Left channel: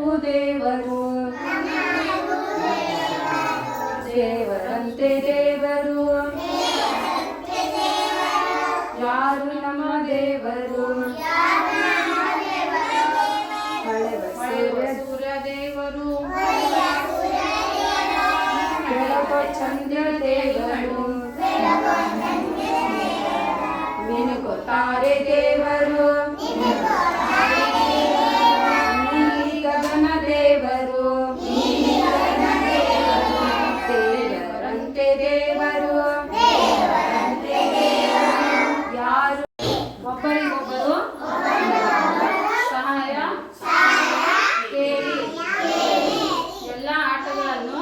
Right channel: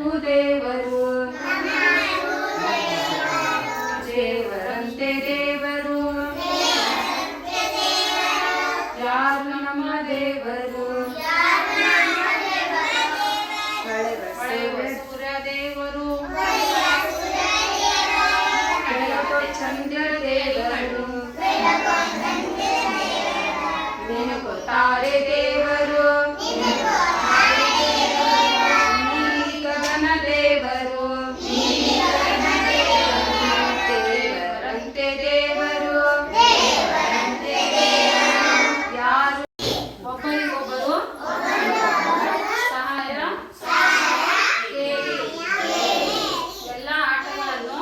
ದೇವರು ದೇವರಂತೆ ದೇವರು ಯಾರು ನಮ್ಮ ದೇವರು ಸೂರ್ಯ ದೇವರು ಚಂದ್ರ ದೇವರು ತಾರೆ ದೇವರು ಗಗನ ದೇವರು ದೇವರಂತೆ ದೇವರು ಯಾರು ಒಬ್ಬರಿಗೊಬ್ಬರು ಸಹಾಯ ಸೇರಿ ಎಲ್ಲ ಆಟಗಳನ್ನು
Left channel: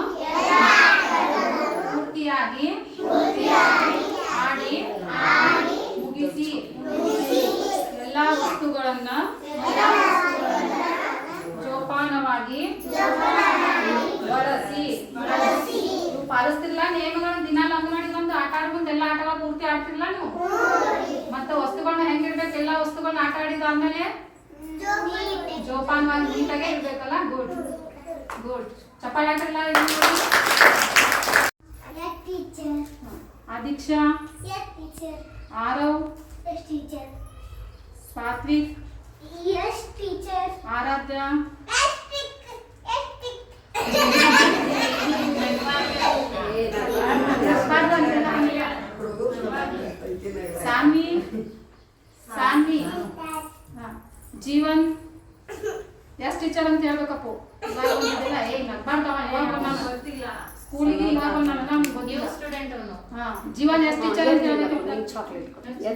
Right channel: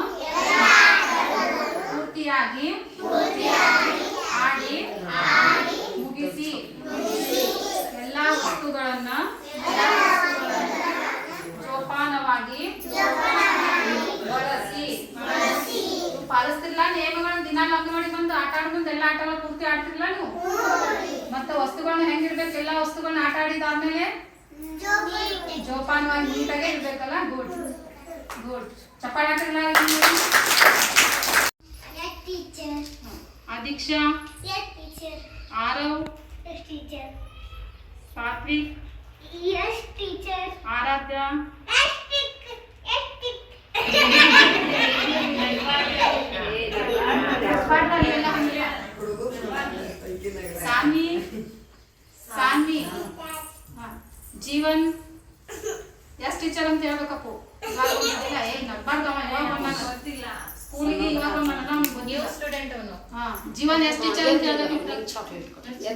ಪೂರ್ತಿಯಾಗಿ ಆಡಿ ಮುಗಿಸಿ ಎಲ್ಲ ವಸ್ತುಗಳನ್ನು ಜೋಪಾನವಾಗಿ ಬಳಸಿ ಪಾಲಿಸ್ತಿರ್ಲ ನಿಯಮಗಳನ್ನು ದಿನ ಲಂಘ ಮಾಡಿ ಬಂದು ಆಟ ಆಡ್ಕೊಂಡು ಎಲ್ಲ ಆಟಗಳ ಪೂರ್ತಿ ಆಡ್ತಿರ್ಲ ನೀವು ಮತ್ತೆ ವಸ್ತುಗಳನ್ನ ಹೆಂಗಿರ್ಬೇಕು ಎಲ್ಲ ವಸ್ತುಗಳನ್ನ ಆಟ ಆಡಿದಾದ್ಮೇಲೆ ಜೋಪಾನವಾಗಿ ನೀಟಾಗೆ ಇರ್ಬೇಕಲ್ಲ ಗುಡ್ ಗುಡ್ ಚಪ್ಪಾಳೆ ಹಾಕಿರ್ಲ दीक्षा yes teacher Aarav yes teacher सात्विक yes teacher Aaradhya yes Saanvi Saanvi जीवन yes teacher ಅಂತ ಹೇಳಬೇಕಪ್ಪ ಇವಾಗ ಇದೆಲ್ಲ ಏ ನಡ್ಬಾರ್ದವ ಇವಾಗ ಗೊತ್ತಿಲ್ಲ ಸ್ಕೂಲಿಗೆ ಇವಾಗ ನಾನು ನ್ಯೂ ಸ್ಟೂಡೆಂಟ್ ಅವನು ಜೀವನ್ ಎಸ್ ಟೀಚರ್ ಅಂತ ಹೇಳಬೇಕು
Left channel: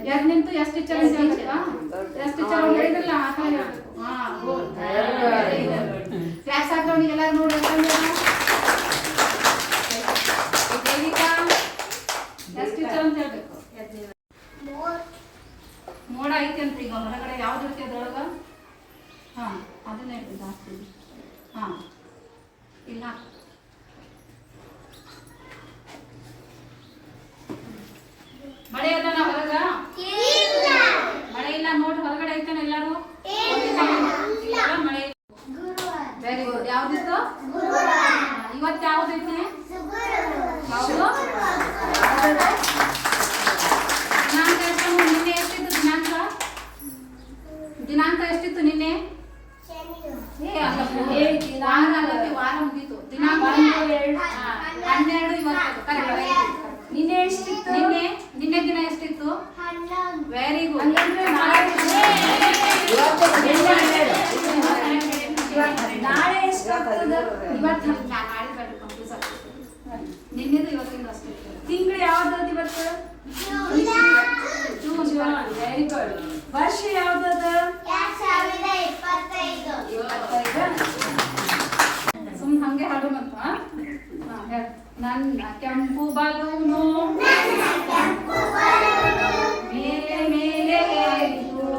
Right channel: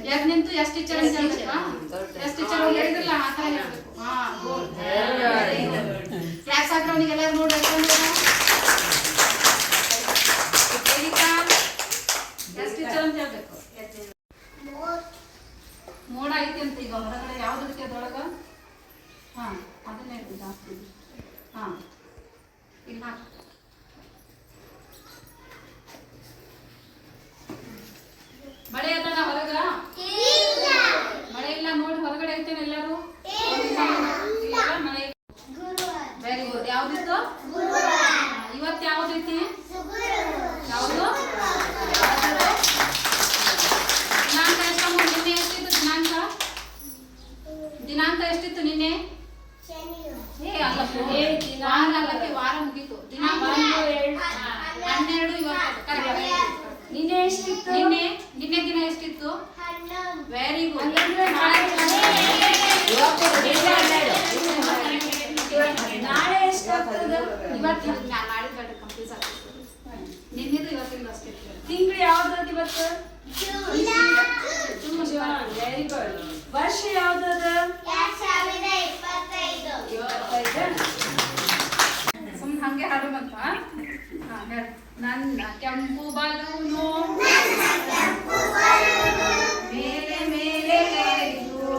ಯಾಕೆ ನಿಂತು ಎಸ್ ಟೀಚರ್ ಅಂತ ಹೇಳಬೇಕು ಎಸ್ ಟೀಚರ್ ಅವ್ರು ಹೇಳಿದ್ರಲ್ಲ ಆ ಥರ ಹೇಳಬೇಕು ಕ್ಲಾಸ್ ಹಾಕ್ರವನಿಗೆ ಎಲ್ಲರೂ ನೋಡಿ ಎಸ್ ಟೀಚರ್ ಅಂತ ಹೇಳಬೇಕು ಮೋಡ ಐತಿ ಅಂತ ಈಗ ಹೊರಗಡೆ ಯಾವ್ದು ಇರುತ್ತೆ ಅದ್ರೊಳಗ ಅದನ್ನೇ ಜಾಸ್ತಿ ಇಲ್ಲ ಮಳೆ ಅದನ ಹೊರಗ ಮಳೆ ಇಲ್ಲ ನೋಡಿ ಹೊರಗಡೆ ಐತೇನೆ ಎಲ್ಲರೂ ಮಳೆ ವೆರಿ ಗುಡ್ ಯಾವ್ದಿತ್ತು ಇವತ್ತು ಯಾವ್ದೈತಿ ಯಾವುದು ದಿನಾಂಕ ಎಷ್ಟಮ್ಮ ನಿನ್ನೆ ಎಷ್ಟಿತ್ತು ದಿನಾಂಕ ಎಷ್ಟಿತ್ತು ನಿನ್ನೆ ವಾರ ಮುಗೀತು ದಿನಾಂಕ 12 ಇವತ್ತು ಕರೆಕ್ಟ್ ನಿನ್ನೆ ಎಷ್ಟಿತ್ತು ನಿನ್ನೆ ದಿನ ಎಷ್ಟಿತ್ತು ವೆರಿ ಗುಡ್ ನಾಳೆ ಎಷ್ಟಾಗ್ತದೆ ಇವತ್ತು ನಾಳೆ ಕಂಪ್ಲೀಟ್ ಆಗ್ತದೆ ನಿನ್ನೆದು ಇವತ್ತಿಂದ ಅಷ್ಟೇ ತಿಂಗಳು ಯಾವ್ದು ಇವತ್ತು ಜೂನ್ ವೆರಿ ಗುಡ್ ವರ್ಷ ಯಾವ್ದದ 2025 ಸುಮ್ಮನೆ ಹಂಗೆ ಹಾಡೋಣಂತ ನನ್ನ ಕೆಂಪು ಬಲೂನು ಮೇಲೆ ಮೇಲೆ ಏರಿತು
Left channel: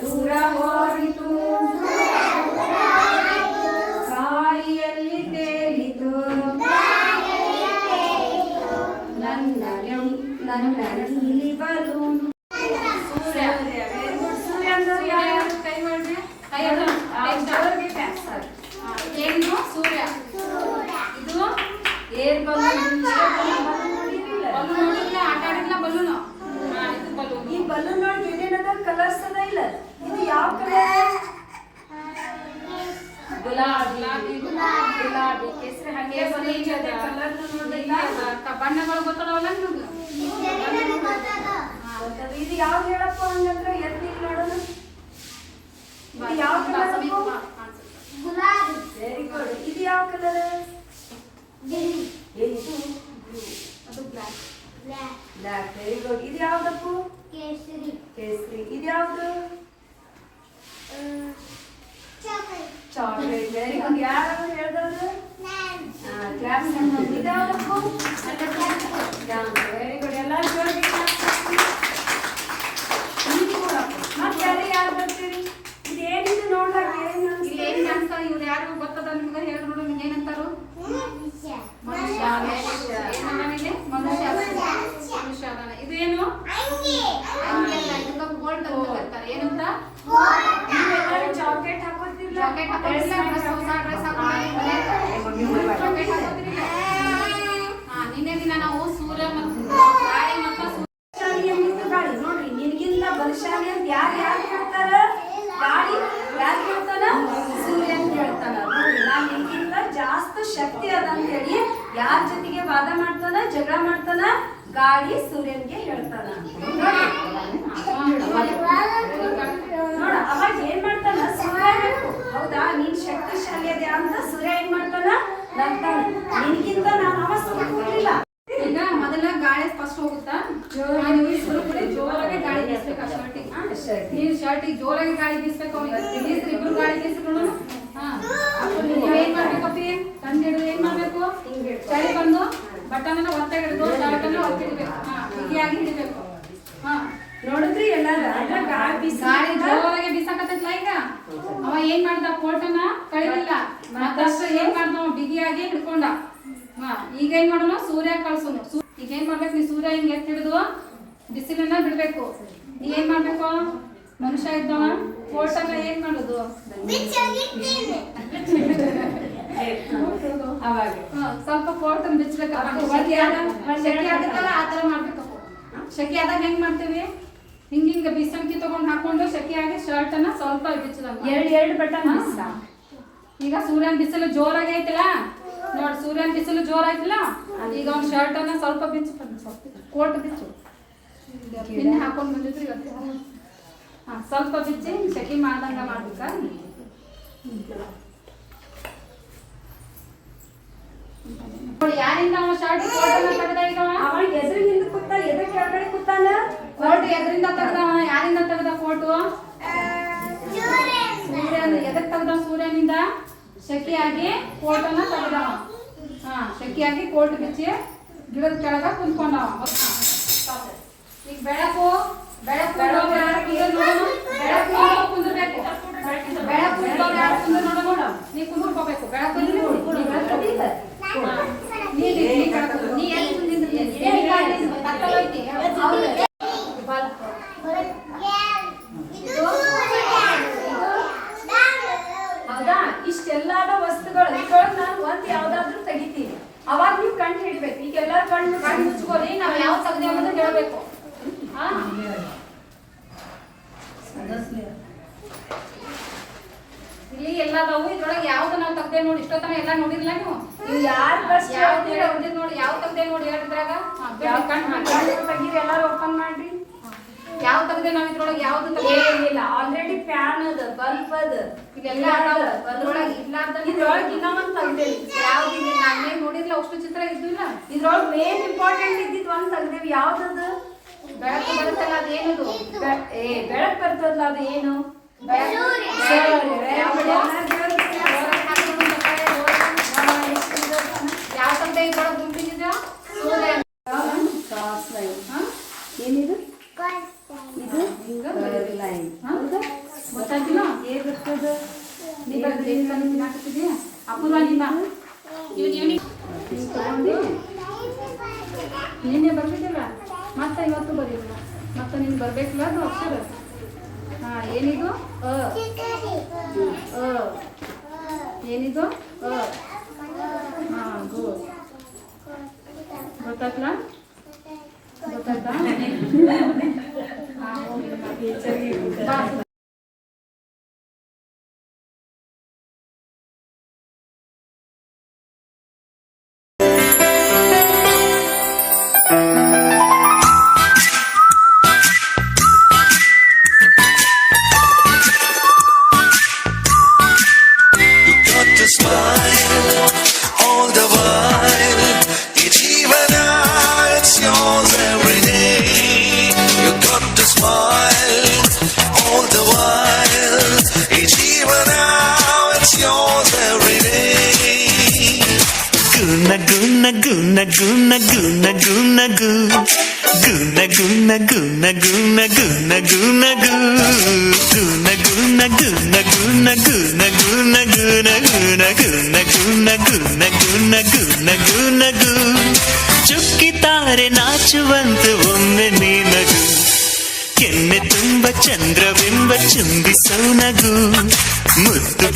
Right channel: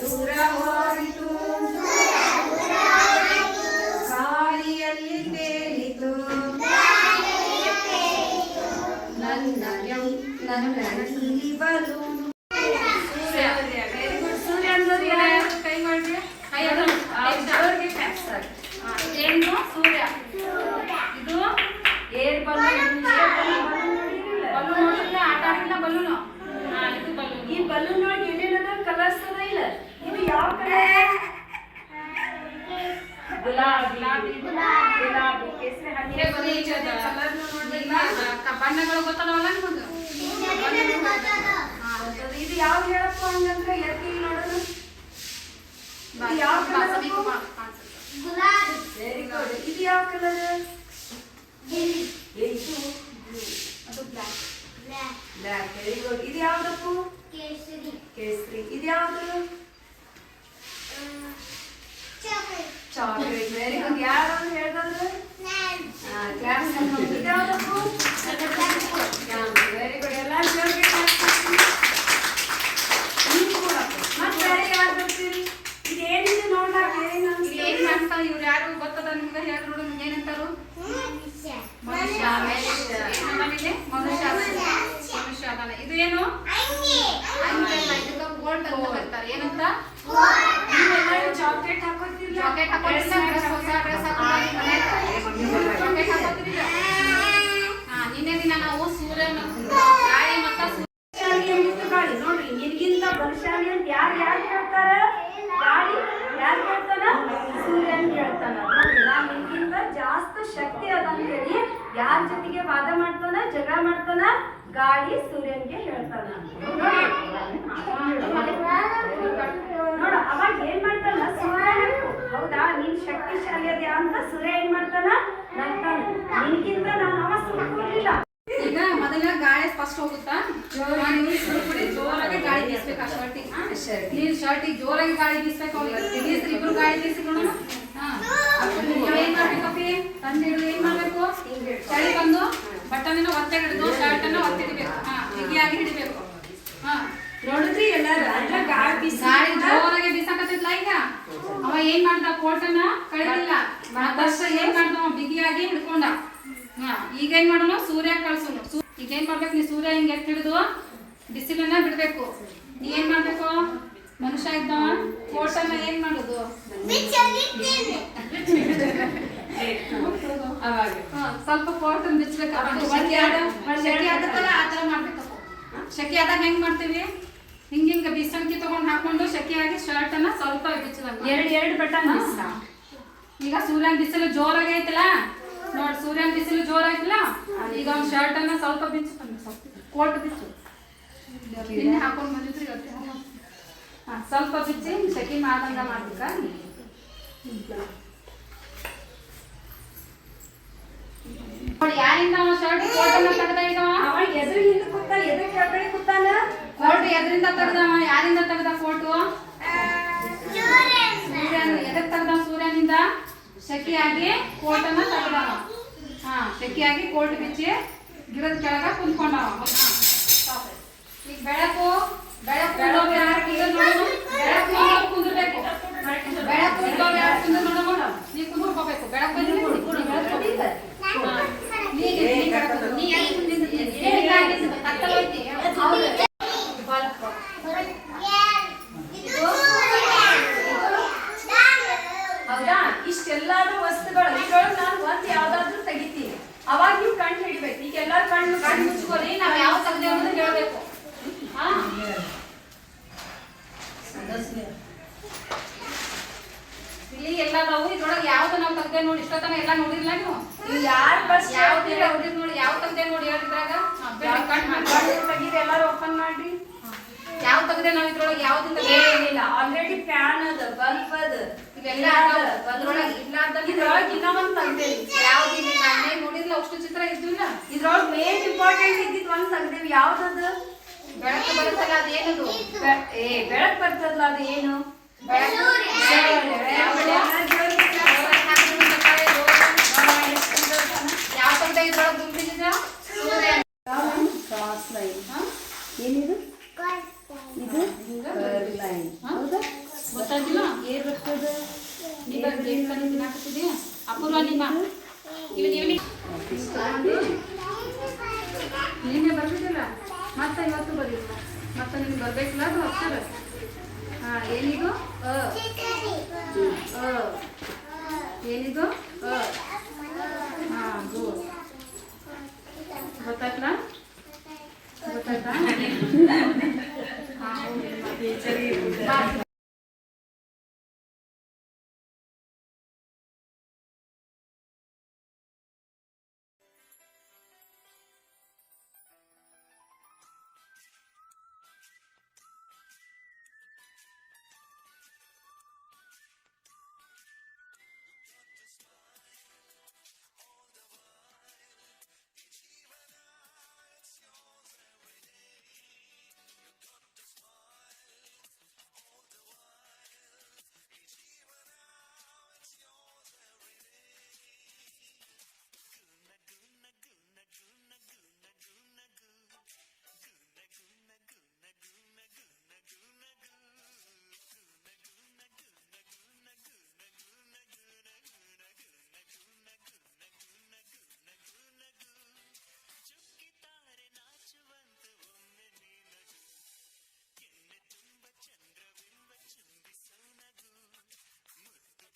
ದೂರ ಹೋಗಿತು ಗಾಳಿಯಲ್ಲಿ ತೇಲಿತು ನನ್ನ ನೀಲಿ ಬಲೂನು ಸೂರ್ಯ ಸೂರ್ಯ ಅಂದ್ರೆ ಕೈ ಮಾಡ್ರಿ ಏನು ಸೂರ್ಯ ಇದು ಏರ್ ಬಲೂನ್ ನೋಡಿಲ್ಲ ಆಟ ಆಡಿಲ್ಲ ಬಲೂನು ಈ ಬಲೂನ್ ನೋಡಿ ಏನೇನದ ಕಲರ್ಸ್ ಅದ ಇಲ್ಲ ಇದು ಯಾವ ಕಲರ್ ಗುಲಾಬಿ ಕೇಸರಿ ಹಂಗೆ ಕಲರ್ ನೋಡಿಲ್ಲ ಬಣ್ಣಗಳು ಗೊತ್ತದವಲ್ಲ ನಿಮಗೆ ಇದು ಯಾವ ಹೇಳಪ್ಪ ಹಂಗಂದ್ರೆ ಎತ್ತಿ ನೋಡೋಣ ಯಾವ ಕಲರ್ ವೆರಿ ಗುಡ್ ಇದು ಯಾವ ಕಲರ್ ಅದು ಬ್ಲ್ಯಾಕ್ ವೆರಿ ಗುಡ್ ಇದು ಯಾವ್ದಪ್ಪು ಕೇಸರಿ ಇದು ಯಾವ್ದು ಚಾಕ್ಲೇಟ್ ವೆರಿ ಗುಡ್ ಯಾರು ಹೇಳ್ದವ್ರು ಕ್ಲಾಸ್ ಇದು ಯಾವ್ದಪ್ಪು ವೆರಿ ಗುಡ್ ಎಲ್ಲ ಮತ್ತೆ ಯಾರು ಬರ್ತೀರಿ ಇದೇನಿದೆ ನೋಡ್ಲಾಕ ಏನು ಅಂತ ಇವ್ರು ಯಾರು ಗೊತ್ತದ ನಿಮ್ಗೆ ಹೇಳಿ ನೋಡು ಏನಂತಾರು ಮನುಷ್ಯ ಇದು ಏನು ಇದಕ್ಕೆ ಗೋಲ್ಡ್ ಅಂತ ಬರ್ತಾರೆ ಏನಂತ ಜೊತೆಗೆ ವಾದ ಮಾಡ್ತಾನ, ಜಗಳ ಮಾಡ್ತಾನ, ಗಾಳಿ ಸೂರ್ಯನ್ಗೆ ಹೇಳ್ತಾನ. ನೋಡ ಅವಾಗ ಏನ್ ಮಾಡ್ತಾನ, ಸೂರ್ಯ ಹೇಳ್ತು ಹೌದಾ ನೀನ್ ಶಕ್ತಿಶಾಲಿ ಅದ್ಯಾ ಅಂತ. ಸೂರ್ಯ ಏನ್ ಮಾಡ್ತಾನ, ನಗ್ತಾನ, ನಿನ್ಗಿಂತ ನಾನು ಅವ ಸುಳ್ಳಿಲ್ಲ. ಈಗ ಮೊದಲ ಗಾಳಿ ಫಸ್ಟ್ ಹೋಗುತ್ತಾ, ಜೋರಾಗಿ ಗಾಳಿ ಬೀಸ್ಬೇಕು ಆ ಶರ್ಟಿಗೆ. ನೀನ್ ಶರ್ಟಿಗೆ ಜೋರಾಗಿ ಗಾಳಿ ಬೀಸ್ಬೇಕು. ಇಬ್ರು ಗಾಳಿ ಬೀಸಿಕೊಳ್ಳೋಣ. ಏನ್ ಮಾಡ್ಬೇಕಪ್ಪಿ, ಕಂಡು ಹಿಡಿದು ಏನ್ ಮಾಡ್ಬೇಕು, ಚಳಿ ಬಂದು ಬಟನ್ ಒತ್ತೆ ಹಿಡಿದು ಶರ್ಟ್ ಅನ್ನ ಒತ್ತಿ ಹಿಡಿಬೇಕು. ಬಿಗಿಯಾಗಿ ಹಿಡಿಬೇಕು. ನೋಡಿದ್ರಿ ಎಲ್ಲಾರ ಗಾಳಿ ಜೋರಾಗಿ ಬೀಸಾಕತ್ತಿದ್ಲ. ಈಗ ಅವ ಏನ್ ಮಾಡ್ದ, ಕೋಟನ್ನ ಕಳಿಲಿಲ್ಲ. ಮತ್ತಷ್ಟ ಏನ್ ಮಾಡ್ದ, ಬಿಗಿಯಾಗಿ ಹಿಡ್ಕೊಂಡ. ಈಗ ಏನ್ ಮಾಡೋಣ, ಸೂರ್ಯ ಕಳ್ಸೋನು. ಈಗ ಏನ್ ಮಾಡ್ಬೇಕು, ನೀ ಸೂರ್ಯ ಹಿಂಗ್ ಎತ್ತಿ ಹಿಡಿದು ಬಿಸಿಲನ್ನ ಬಿಡ್ಬೇಕು. ನೀ ಏನ್ ಮಾಡ್ಬೇಕು, ಮನುಷ್ಯ ಇದ್ದವ ಕೋಟನ್ನ ಏನ್ ಮಾಡುದು, ಅವಾಗ ಸ್ವಲ್ಪ ಕೋಟನ್ ಬಿಚ್ಚಬೇಕು. ಶೆಕೆ ಆಗತ್ತಲ್ಲ ಆ ತರ ಮಾಡ್ಬೇಕಪ್ಪ. ಶೆಕೆ ಆದಾಗ ಹೆಂಗ್ ಮಾಡ್ತೀವಿ, ಹಿಂಗ ಬಿಸನ್ಕಿ ತಗೊಂಡ್ ಹಾಕೊಂಡು ಶೆಕೆಯಾಗಿ ಶರ್ಟ್ ಅನ್ನ ಸ್ವಲ್ಪ ಬಿಚ್ಚದಂಗ ಎರಡು ಬಟನ್ ಈಗ ಸೂರ್ಯನ ಬಿಸಿಲು ಜೋರಾಗಿ ಐತಲ್ಲ ನೋಡ್, ಸೂರ್ಯನ ಬಿಸಿಲು ಜೋರಾಯ್ತಲ್ಲ. ಈಗ ಒಂದ್ ಶರ್ಟ್ ಅನ್ನ ಸ್ವಲ್ಪ ಬಿಚ್ಚು, ಕೋಟ್ ಬಿಚ್ಚು. ನಿನ್ನೆ ಹಾಕೊಂಡ್ ಬಂದಿದ್ರು ಇವತ್ತು. ಸ್ವಲ್ಪ ಬಿಚ್ಚಿ ಶೆಕೆ ಮಾಡ್ದಂಗ ಮಾಡ್ಬೇಕ. ನೋಡಿ ಯಾರಿಂದ ಅವನ ಶರ್ಟ್ ಕೋಟ್ ಅನ್ನ ತೆಗ್ದ. ಈಗ ಅವ ಎದುರಿನಿಂದ ಕೂತ, ಎದುರು ಕೆಳಗಡೆ ಕೂತಾನ. ಕೋಟ್ ಎದರಿಂದ ತೆಗ್ದವ, ಯಾರಿಂದ ತೆಗ್ದ ಕೋಟು, ಸೂರ್ಯನ ಎದಕ್ ತೆಗ್ದ, ಸೂರ್ಯನಿಂದ ಶೆಕೆಯಾಗಿ ಕೋಟನ್ನ ತೆಗ್ದವ. ಶೆಕೆಯಾಗಿ ಕೋಟ್ ಬಿಚ್ಚಿ ಗಿಡದ ಕೆಳಗ ಕುಂತ್ಕೊಂಡವ. ಈಗ ಬೆಳಕು ಬೆಳಕು ಬೆಳಕು ಕುಂದ್ರಬೇಕು. ಬೆಳಕು ನೋಡ, ನೀ ಕುಂದ್ರಬೇಕು. ಬೆಳಕು ಹೌದಾ, ಇಷ್ಟೆಲ್ಲಾದ ವಸ್ತುಗಳು ಇದ್ರೊಳಗೆ ನಾನು ಒಂದ್ ಯಾವ್ದಾದ್ರು ತೆಗಿತೀನಿ. ಅವಾಗ ನೀವು ಕಂಡು ಹಿಡಿಬೇಕು. ಈಗ ಎಲ್ಲಾರು ಕಣ್ಣು ಮುಚ್ಕೋರಿ, ನಾವ್ ಯಾವ ತೆಗ್ದೆ ಅನ್ನೋದು ಹೇಳ್ಬೇಕು. ಇಲ್ಲಿ ಎಲ್ಲಾದವು, ಇದ್ರೊಳಗೆ ಯಾವ್ದು ನಾವು ತೆಗ್ದೆ ನೋಡಿ. ಇಷ್ಟೊತ್ತನ ಎಲ್ಲ ನೋಡಿರ್ಲ ನೀವು. ಯಾರು ಬಸ್ ಯಾವ್ದು ನೋಡಿ, ಯಾವ ತೆಗ್ದೆ ನೋಡಿ ಹೇಳಿದ್ರಾಗ ತೆಗೀರಿ, ಎಲ್ಲಾರು ಓಪನ್ ಮಾಡಿ. ಯಾವ ತೆಗ್ದೆ ನಾವು ಇದ್ರೊಳಗೆ ಯಾವ್ದು ಏನಿಲ್ಲ, ಆಲ್ರೆಡಿ ಫ್ಯಾನ್ ಅದ, ಬಲ್ಬ್ ಅದ, ಇವೆಲ್ಲ ಅದ್ರೊಳಗೆ ಇಲ್ಲಾರ್ದ ಇದ್ರೊಳಗೆ ಇನ್ನೂ ಒಂದ್ ತೆಗ್ದೇವಿ. ಯಾವ್ದಿಲ್ಲ, ನಾನೇ ನೋಡಿರ್ಲ ಅಷ್ಟು ಚಿತ್ರ ಇದ್ದಿಲ್ಲ. ಇದ್ರೊಳಗೆ ಮೇನ್ ಇಂಪಾರ್ಟೆಂಟ್ ಇದ್ದಿದ್ ಒಂದ್ ತೆಗ್ದೇವಿ. ಯಾವ್ದದು, ಬೆಳಕು ಬರುತ್ತಲ್ಲ ಅದೇನದು, ಬೆಳಕ್ ಬರ್ತದಲ್ಲ ಅದು ಏನು, ಯಾವ ತೆಗ್ದೆ ಇದ್ರೊಳಗೆ ಗುಂಪಿದ ಏನಿದು, ಇದು ಗೊತ್ತಾಗಿಲ್ಲ. ಏನ್ ಬರ್ತದ, ನೀ ಬಂದ್ರೆ ತಿನ್ನಾಕತ್ತಿದ್ಯಾ ಅಪೂರ್ವ. ನಿಮ್ಮ ನಿನ್ನೆ ಬರ್ತಿದ್ದಿಲ್ಲ, ಮತ್ತೆ ಇವತ್ತು ಬರೀಲ್ಲ. ಮತ್ತೆ ನಿಮ್ಗೆ ಬರ್ಬೇಕಿಲ್ಲ ಅದು ಅಕ್ಷರ. ಏನಿದು, ಏನಿದು, ಗೊತ್ತಾಯ್ತಲ್ಲ, ಗೊತ್ತಾಯ್ತಾ. ಚುಕ್ಕಿತಾರೆ ನಾಚುವಂತೆ ಒಮ್ಮೆ ನೀನಗು, ಕೆನ್ನೆ ತುಂಬ ಚಂದ್ರವೆಂಬ ಚುಂಬಿಸೋ ನಗು, ಮುದ್ದು